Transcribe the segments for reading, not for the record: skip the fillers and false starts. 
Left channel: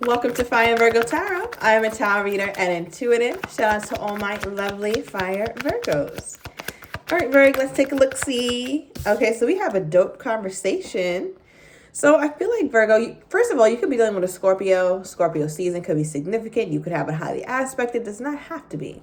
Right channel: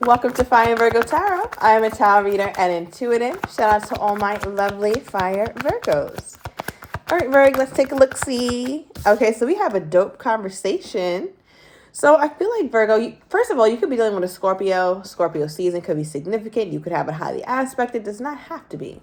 Welcome to Fire Virgo Tarot. I am a tarot reader and intuitive. Shout out to all my lovely fire Virgos. All right, Virgo, let's take a look-see. Okay, so we have a dope conversation. So I feel like Virgo, first of all, you could be dealing with a Scorpio. Scorpio season could be significant. You could have it highly aspected. It does not have to be.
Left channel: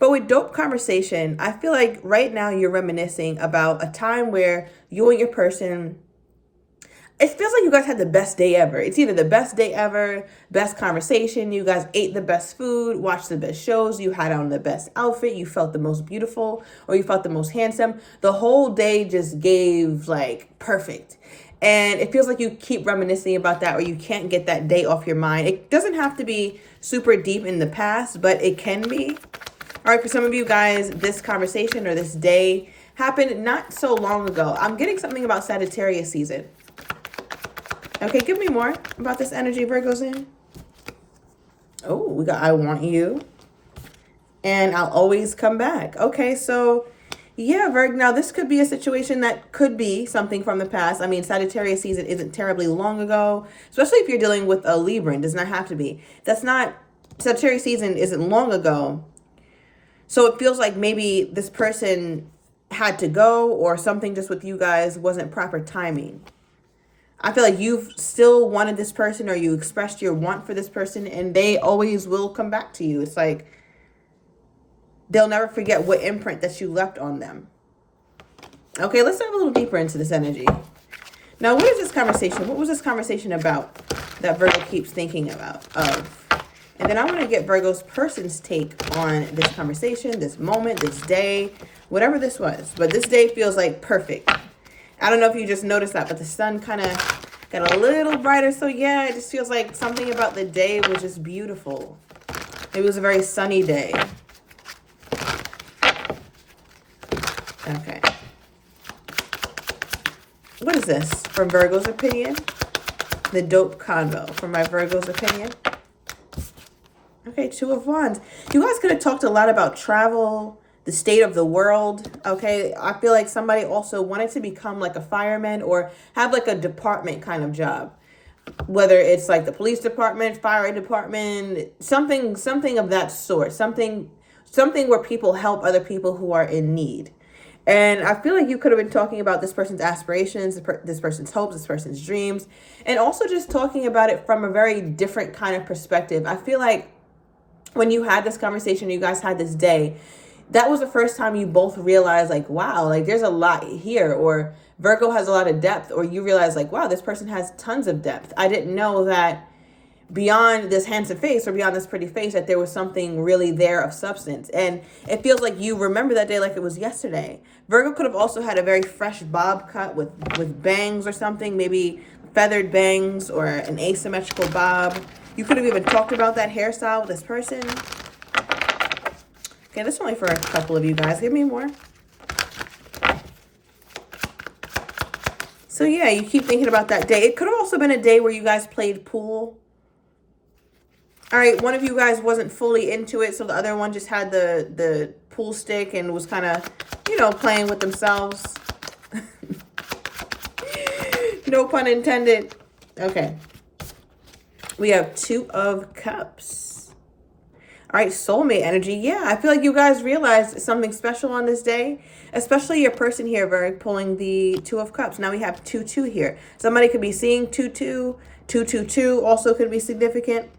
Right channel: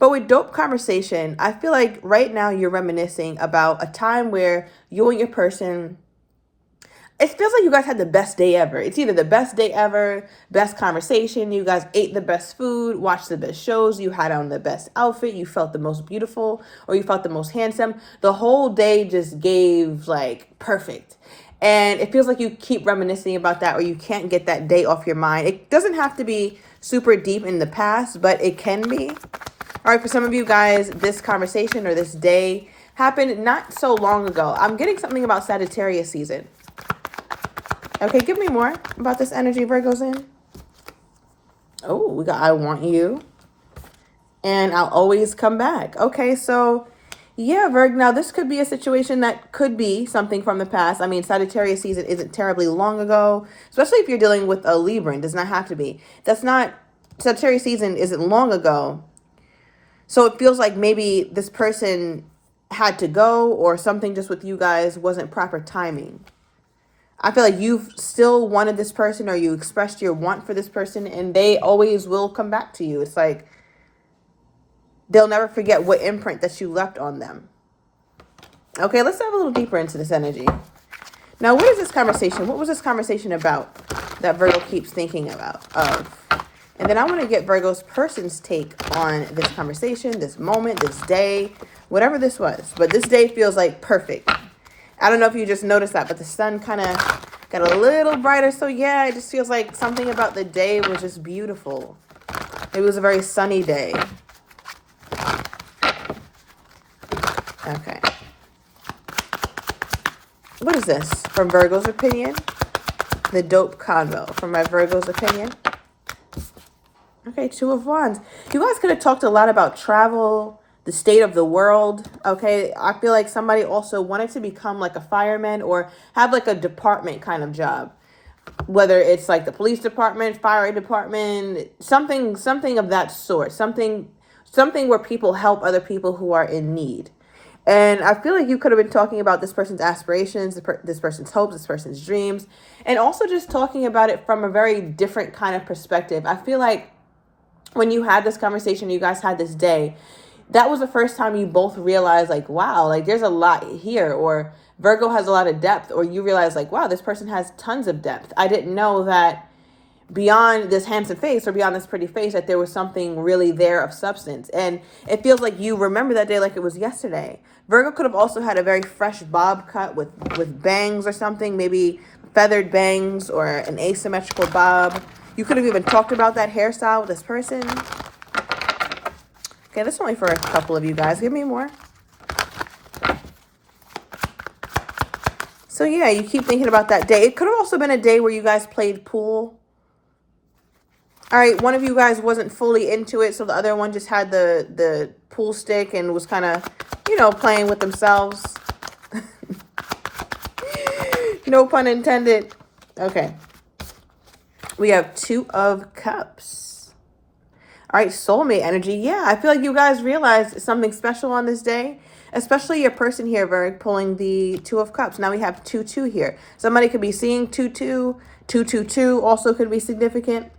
But with dope conversation, I feel like right now you're reminiscing about a time where you and your person, it feels like you guys had the best day ever. It's either the best day ever, best conversation, you guys ate the best food, watched the best shows, you had on the best outfit, you felt the most beautiful, or you felt the most handsome. The whole day just gave like perfect. And it feels like you keep reminiscing about that, or you can't get that day off your mind. It doesn't have to be super deep in the past, but it can be. All right, for some of you guys, this conversation or this day happened not so long ago. I'm getting something about Sagittarius season. Okay, give me more about this energy Virgo's in. Oh, we got I want you. And I'll always come back. Okay, so yeah, Virgo. Now, this could be a situation that could be something from the past. I mean, Sagittarius season isn't terribly long ago, especially if you're dealing with a Libran. It does not have to be. Sagittarius season isn't long ago. So it feels like maybe this person had to go, or something just with you guys wasn't proper timing. I feel like you've still wanted this person, or you expressed your want for this person, and they always will come back to you. It's like they'll never forget what imprint that you left on them. Okay, let's dive a little deeper into this energy. Now, what is this conversation? What was this conversation about that Virgo keeps thinking of? And then I want to get Virgo's person's take on this conversation, this moment, this day, whatever this was. But this day feels like perfect. I don't know if you just noticed that, but the sun kind of got a little brighter. So yeah, it just feels like something about the day was just beautiful. It was a very sunny day. Okay. What is this? From Virgo's opinion? The dope convo from my Virgo's opinion. Okay, Two of Wands. You guys could have talked a lot about travel, the state of the world. Okay, I feel like somebody also wanted to become like a fireman, or have like a department kind of job, whether it's like the police department, fire department, something of that sort, something where people help other people who are in need. And I feel like you could have been talking about this person's aspirations, this person's hopes, this person's dreams, and also just talking about it from a very different kind of perspective. I feel like when you had this conversation, you guys had this day, that was the first time you both realized like, wow, like there's a lot here, or Virgo has a lot of depth, or you realize like, wow, this person has tons of depth. I didn't know that beyond this handsome face, or beyond this pretty face, that there was something really there of substance. And it feels like you remember that day like it was yesterday. Virgo could have also had a very fresh bob cut with bangs or something, maybe feathered bangs or an asymmetrical bob. You could have even talked about that hairstyle with this person. Okay, this is only for a couple of you guys. Give me more. So yeah, you keep thinking about that day. It could have also been a day where you guys played pool. All right, one of you guys wasn't fully into it, so the other one just had the pool stick and was kind of, playing with themselves. No pun intended. Okay. We have Two of Cups. All right, soulmate energy. Yeah, I feel like you guys realized something special on this day, especially your person here, Virg, pulling the Two of Cups. Now we have 2-2 here. Somebody could be seeing 2-2. 2-2-2 also could be significant.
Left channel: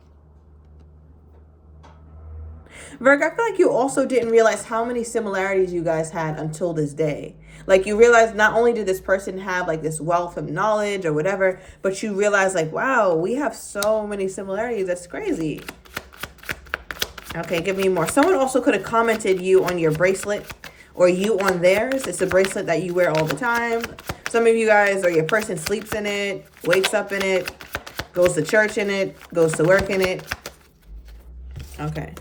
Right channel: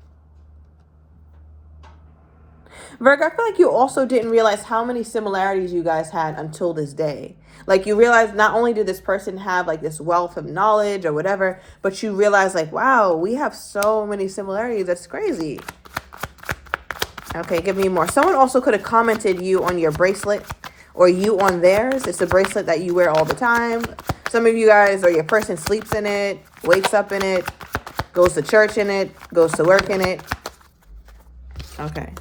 Virgo, I feel like you also didn't realize how many similarities you guys had until this day. Like you realize not only did this person have like this wealth of knowledge or whatever, but you realize like, wow, we have so many similarities. That's crazy. Okay, give me more. Someone also could have commented you on your bracelet, or you on theirs. It's a bracelet that you wear all the time. Some of you guys, or your person sleeps in it, wakes up in it, goes to church in it, goes to work in it. Okay.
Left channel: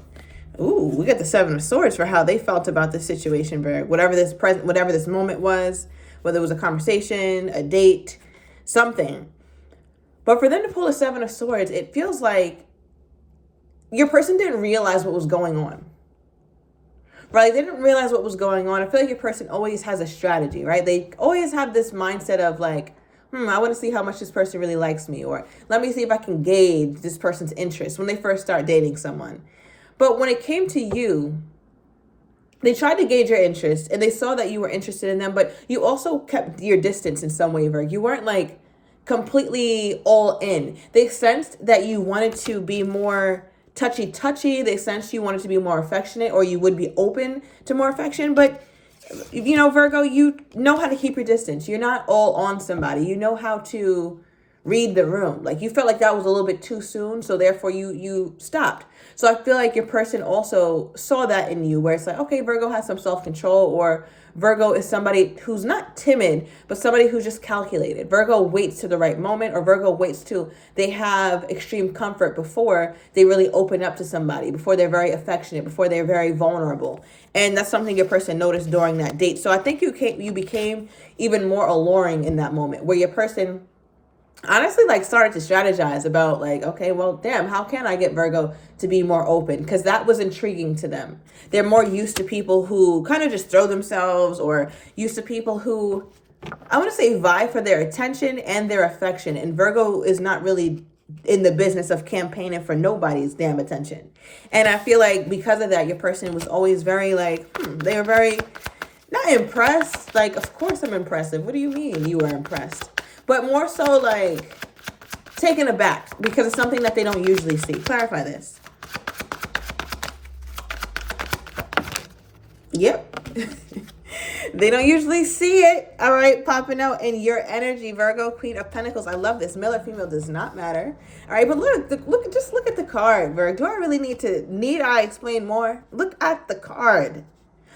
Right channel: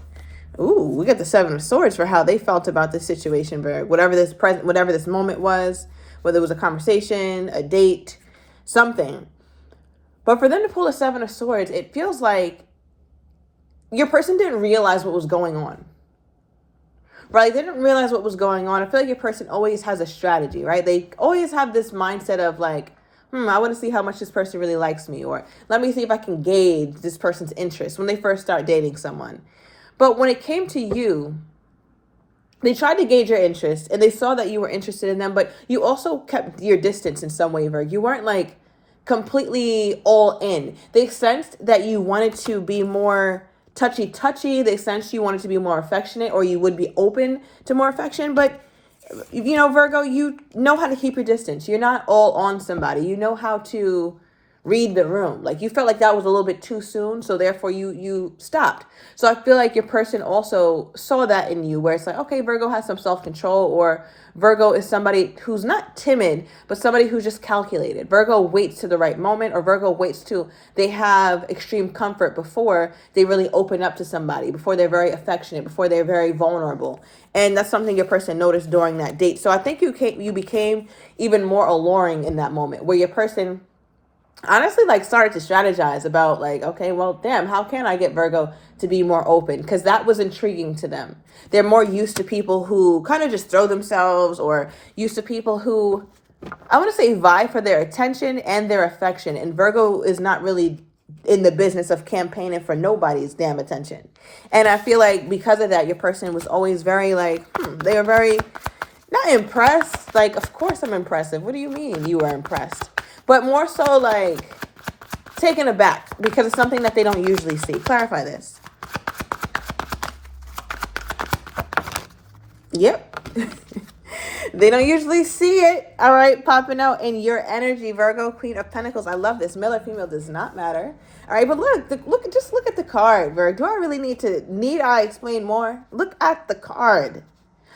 Ooh, we got the Seven of Swords for how they felt about this situation, Virgo. Whatever this moment was, whether it was a conversation, a date, something. But for them to pull a Seven of Swords, it feels like your person didn't realize what was going on. Right? They didn't realize what was going on. I feel like your person always has a strategy, right? They always have this mindset of like, I want to see how much this person really likes me, or let me see if I can gauge this person's interest when they first start dating someone. But when it came to you, they tried to gauge your interest and they saw that you were interested in them, but you also kept your distance in some way, Virgo. You weren't like completely all in. They sensed that you wanted to be more touchy. They sensed you wanted to be more affectionate, or you would be open to more affection. But, you know, Virgo, you know how to keep your distance. You're not all on somebody. You know how to read the room. Like, you felt like that was a little bit too soon, so therefore you stopped. So I feel like your person also saw that in you, where it's like, okay, Virgo has some self-control, or Virgo is somebody who's not timid, but somebody who's just calculated. Virgo waits to the right moment, or Virgo waits till they have extreme comfort before they really open up to somebody, before they're very affectionate, before they're very vulnerable. And that's something your person noticed during that date. So I think you became even more alluring in that moment, where your person honestly like started to strategize about like, okay, well, damn, how can I get Virgo to be more open? Because that was intriguing to them. They're more used to people who kind of just throw themselves, or used to people who, I want to say, vie for their attention and their affection. And Virgo is not really in the business of campaigning for nobody's damn attention. And I feel like because of that, your person was always very like, they were very not impressed. Like, of course I'm impressive. What do you mean you were impressed? But more so like taken aback because it's something that they don't usually see. Clarify this. Yep. They don't usually see it. All right, popping out in your energy, Virgo, Queen of Pentacles. I love this. Male or female does not matter. All right, but just look at the card, Virgo. Do I really need I explain more? Look at the card.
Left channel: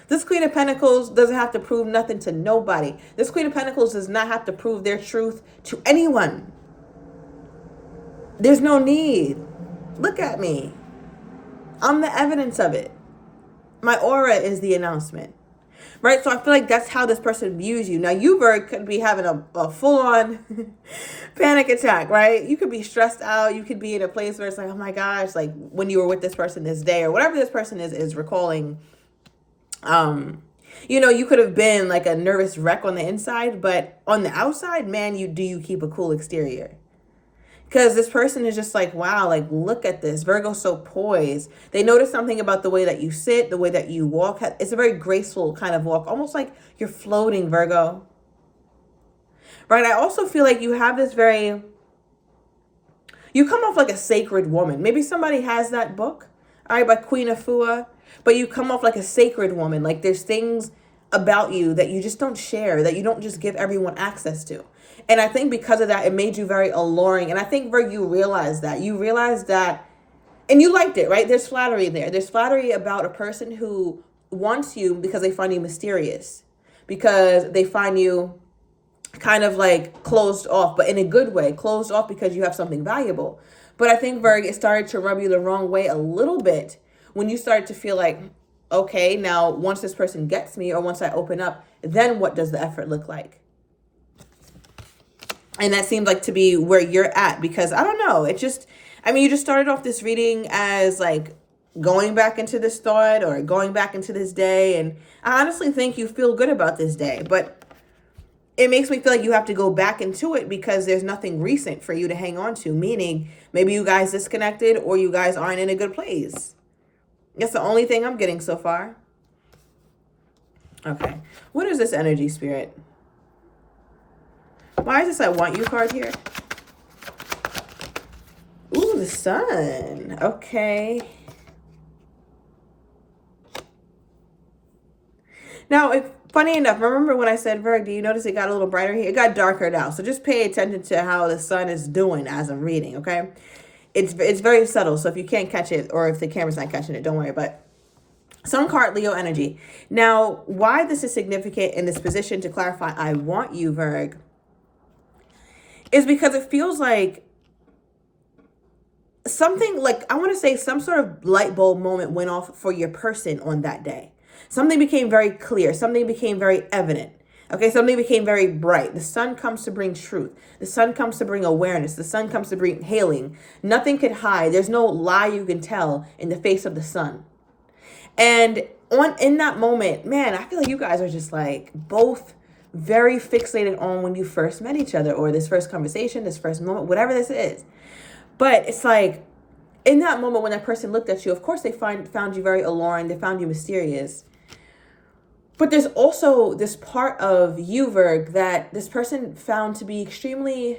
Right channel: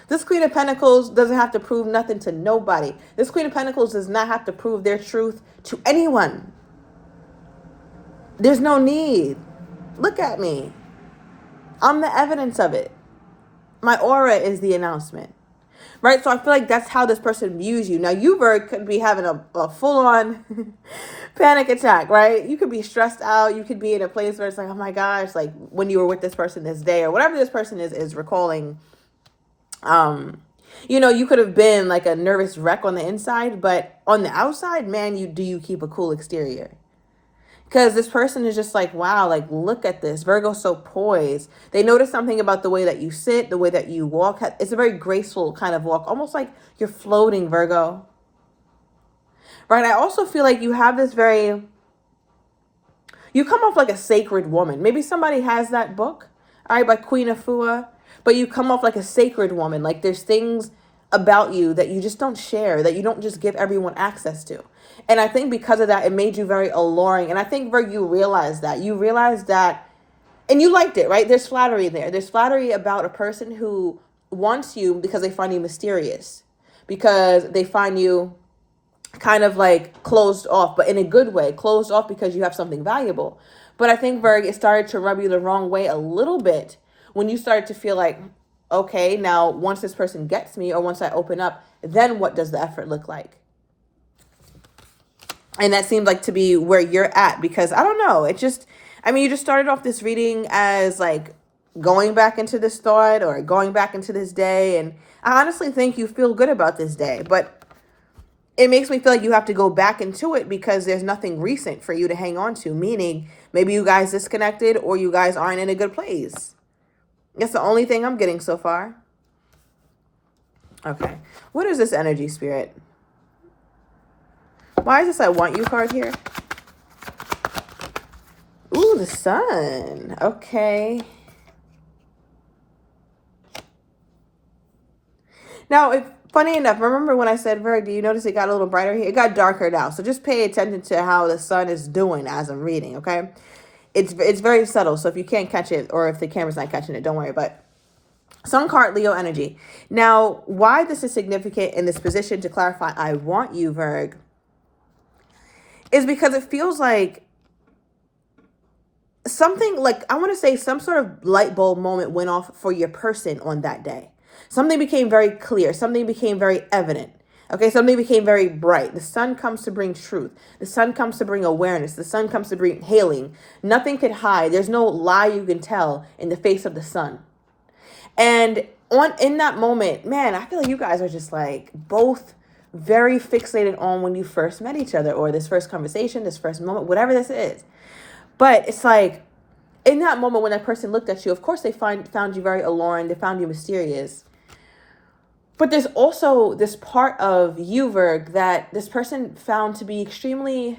This Queen of Pentacles doesn't have to prove nothing to nobody. This Queen of Pentacles does not have to prove their truth to anyone. There's no need. Look at me. I'm the evidence of it. My aura is the announcement. Right? So I feel like that's how this person views you. Now, you, Virgo, could be having a full-on panic attack, right? You could be stressed out. You could be in a place where it's like, oh my gosh, like when you were with this person this day, or whatever this person is recalling. You know, you could have been like a nervous wreck on the inside, but on the outside, man, you keep a cool exterior. Because this person is just like, wow, like, look at this. Virgo's so poised. They notice something about the way that you sit, the way that you walk. It's a very graceful kind of walk, almost like you're floating, Virgo. Right? I also feel like you have this you come off like a sacred woman. Maybe somebody has that book, all right, by Queen of Fua. But you come off like a sacred woman. Like there's things about you that you just don't share, that you don't just give everyone access to. And I think because of that, it made you very alluring. And I think, Virgo, you realized that. You realized that, and you liked it, right? There's flattery there. There's flattery about a person who wants you because they find you mysterious, because they find you kind of like closed off, but in a good way. Closed off because you have something valuable. But I think, Virgo, it started to rub you the wrong way a little bit when you started to feel like, okay, now once this person gets me, or once I open up, then what does the effort look like? And that seemed like to be where you're at, because I don't know. You just started off this reading as like going back into this thought or going back into this day. And I honestly think you feel good about this day, but it makes me feel like you have to go back into it because there's nothing recent for you to hang on to, meaning maybe you guys disconnected or you guys aren't in a good place. That's the only thing I'm getting so far. Okay. What is this energy, Spirit? Why is this I want you card here? Ooh, the sun. Okay. Now, funny enough, remember when I said, Virgo, do you notice it got a little brighter here? It got darker now. So just pay attention to how the sun is doing as I'm reading, okay? It's very subtle, so if you can't catch it, or if the camera's not catching it, don't worry. But Sun card, Leo energy. Now, why this is significant in this position to clarify I want you, Virgo, is because it feels like something, like I want to say some sort of light bulb moment went off for your person on that day. Something became very clear. Something became very evident. Okay, something became very bright. The sun comes to bring truth. The sun comes to bring awareness. The sun comes to bring healing. Nothing could hide. There's no lie you can tell in the face of the sun. And in that moment, man, I feel like you guys are just like both very fixated on when you first met each other, or this first conversation, this first moment, whatever this is. But it's like, in that moment when that person looked at you, of course they found you very alluring, they found you mysterious. But there's also this part of you, Virg, that this person found to be extremely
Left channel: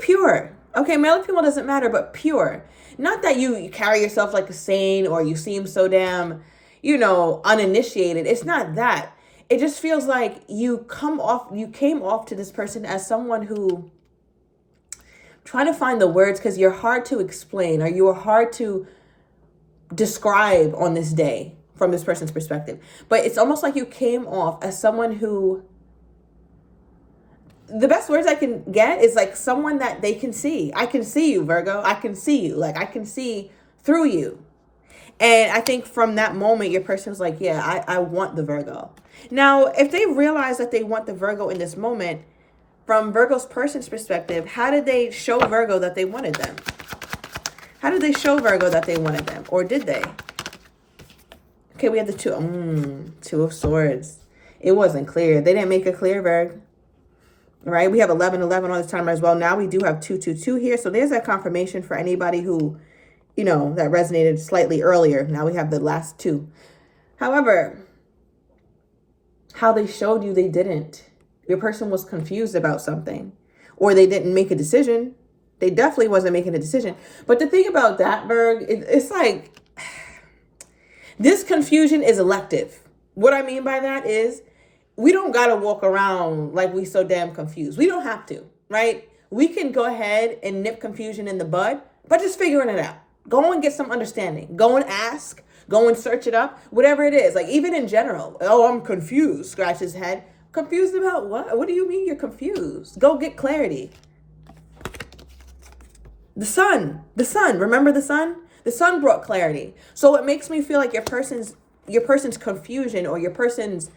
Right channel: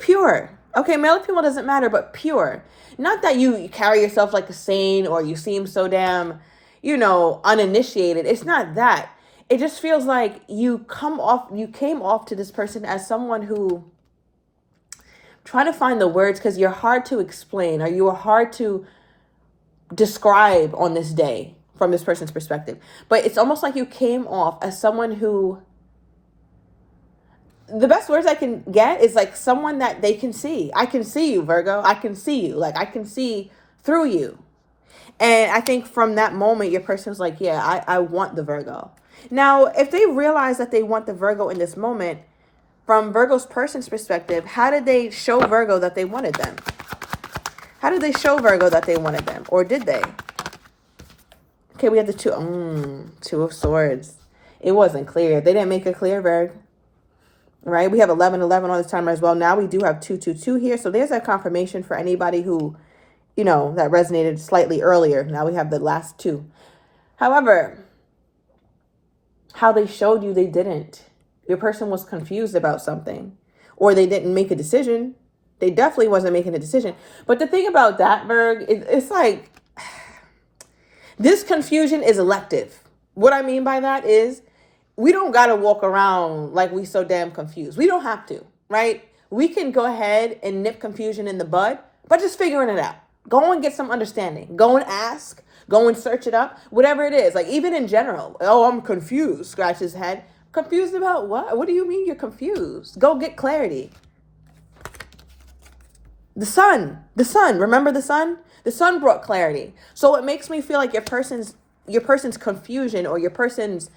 pure. Okay, male or female doesn't matter, but pure. Not that you carry yourself like a saint or you seem so damn, uninitiated. It's not that. It just feels like you came off to this person as someone who, trying to find the words because you're hard to explain, or you are hard to describe on this day from this person's perspective. But it's almost like you came off as someone who, the best words I can get is like someone that they can see. I can see you, Virgo. I can see you. Like, I can see through you. And I think from that moment, your person's like, yeah, I want the Virgo. Now, if they realize that they want the Virgo in this moment, from Virgo's person's perspective, how did they show Virgo that they wanted them? How did they show Virgo that they wanted them? Or did they? Okay, we had the Two of Swords. It wasn't clear. They didn't make it clear, Virg. Right? We have 1111 on this timer as well. Now we do have 222 here. So there's that confirmation for anybody who, that resonated slightly earlier. Now we have the last two. However, how they showed you they didn't. Your person was confused about something, or they didn't make a decision. They definitely wasn't making a decision. But the thing about that, Virg, it's like, this confusion is elective. What I mean by that is, we don't got to walk around like we so damn confused. We don't have to, right? We can go ahead and nip confusion in the bud, but just figuring it out. Go and get some understanding. Go and ask. Go and search it up. Whatever it is. Like, even in general. Oh, I'm confused. Scratch his head. Confused about what? What do you mean you're confused? Go get clarity. The sun. Remember the sun? The sun brought clarity. So it makes me feel like your person's confusion, or your person's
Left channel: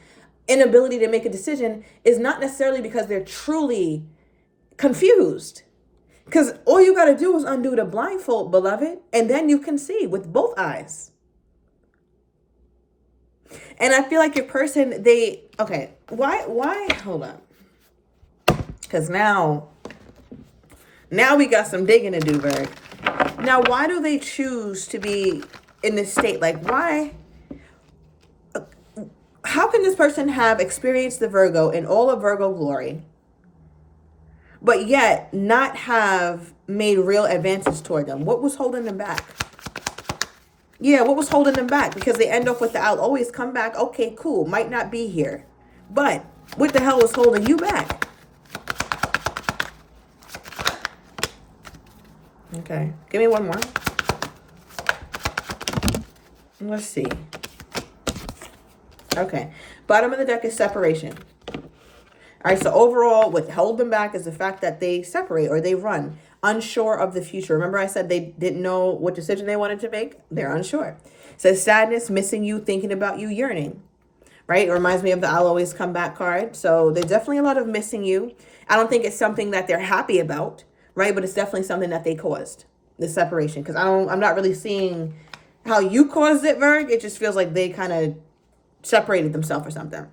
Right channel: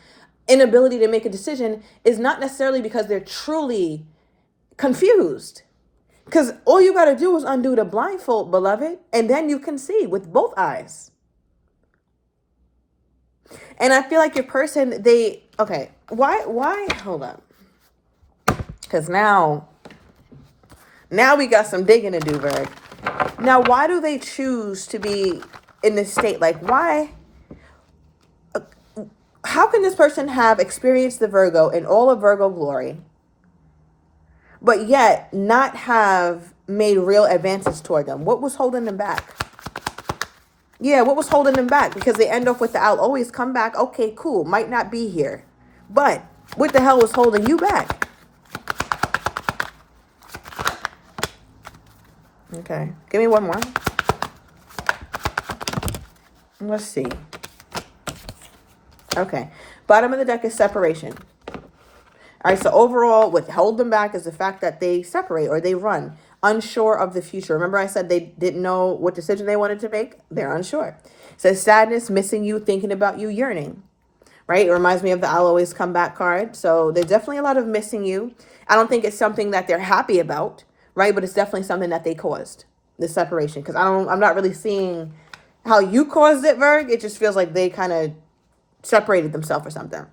inability to make a decision, is not necessarily because they're truly confused. Because all you got to do is undo the blindfold, beloved, and then you can see with both eyes. And I feel like your person, why, hold up. Because now we got some digging to do, Virg. Now, why do they choose to be in this state? Like, why? How can this person have experienced the Virgo in all of Virgo glory, but yet not have made real advances toward them? What was holding them back? Yeah, what was holding them back? Because they end up with the I'll always come back. Okay, cool. Might not be here. But what the hell was holding you back? Okay, give me one more. Let's see. Okay, bottom of the deck is separation. All right, so overall, what held them back is the fact that they separate, or they run, unsure of the future. Remember I said they didn't know what decision they wanted to make? They're unsure. It says sadness, missing you, thinking about you, yearning. Right? It reminds me of the I'll always come back card. So there's definitely a lot of missing you. I don't think it's something that they're happy about, right? But it's definitely something that they caused, the separation. Because I'm not really seeing how you caused it, Virg. It just feels like they kind of separated themselves or something.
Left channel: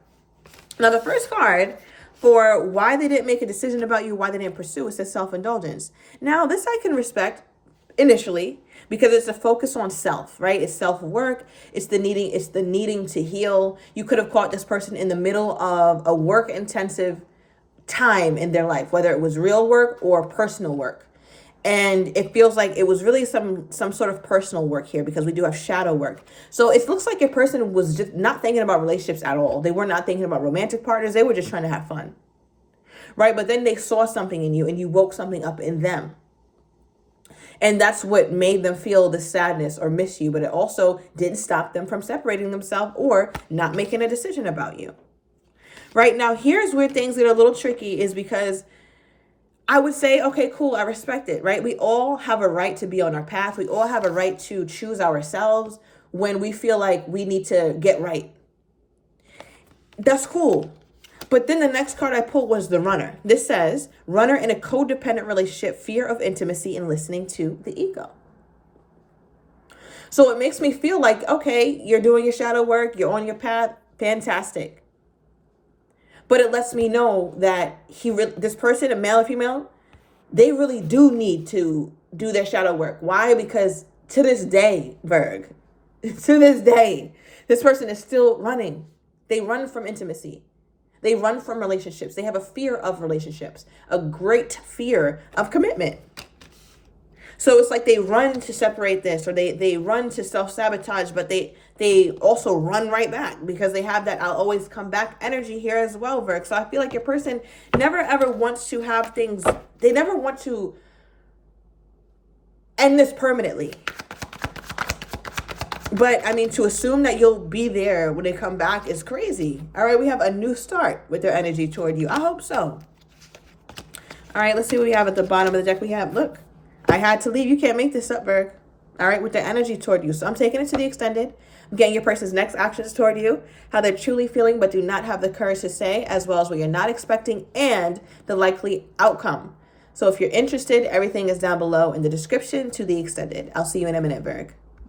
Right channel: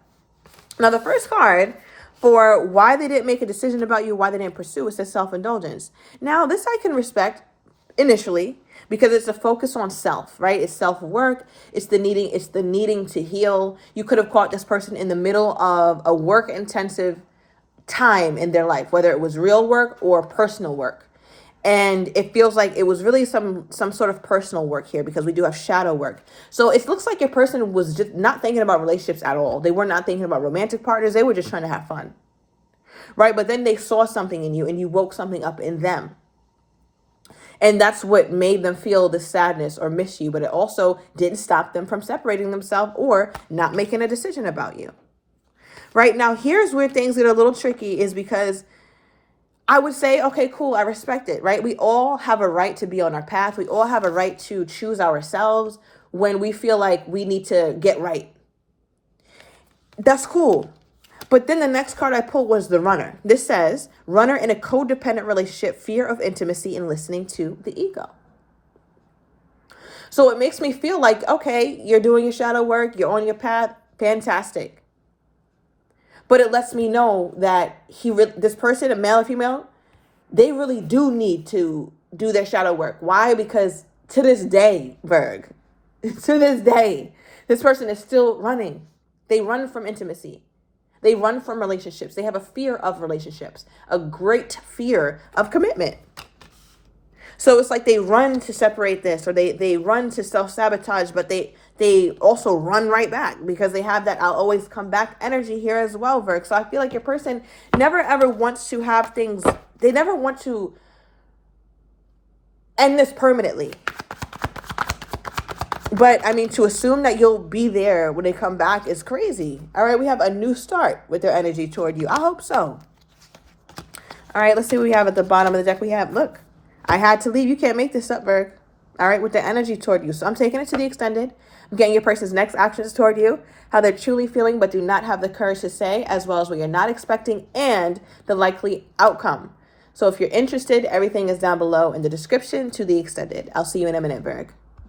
Now, the first card for why they didn't make a decision about you, why they didn't pursue, it says self-indulgence. Now, this I can respect initially, because it's a focus on self, right? It's self-work. It's the needing to heal. You could have caught this person in the middle of a work-intensive time in their life, whether it was real work or personal work. And it feels like it was really some sort of personal work here, because we do have shadow work. So it looks like your person was just not thinking about relationships at all. They were not thinking about romantic partners. They were just trying to have fun, right? But then they saw something in you, and you woke something up in them. And that's what made them feel the sadness or miss you. But it also didn't stop them from separating themselves or not making a decision about you. Right now, here's where things get a little tricky, is because I would say, okay, cool, I respect it, right? We all have a right to be on our path. We all have a right to choose ourselves when we feel like we need to get right. That's cool. But then the next card I pulled was the runner. This says, runner in a codependent relationship, fear of intimacy, and listening to the ego. So it makes me feel like, okay, you're doing your shadow work, you're on your path, fantastic. But it lets me know that this person, a male or female, they really do need to do their shadow work. Why? Because to this day, Virg, to this day, this person is still running. They run from intimacy. They run from relationships. They have a fear of relationships, a great fear of commitment. So it's like they run to separate this, or they run to self-sabotage, but they also run right back because they have that I'll always come back energy here as well, Virg. So I feel like your person never ever wants to have things, they never want to end this permanently. But I mean, to assume that you'll be there when they come back is crazy. All right, we have a new start with their energy toward you. I hope so. All right, let's see what we have at the bottom of the deck. We have, look, I had to leave. You can't make this up, Virg. All right, with their energy toward you. So I'm taking it to the extended. I'm getting your person's next actions toward you, how they're truly feeling but do not have the courage to say, as well as what you're not expecting and the likely outcome. So if you're interested, everything is down below in the description to the extended. I'll see you in a minute, Virg.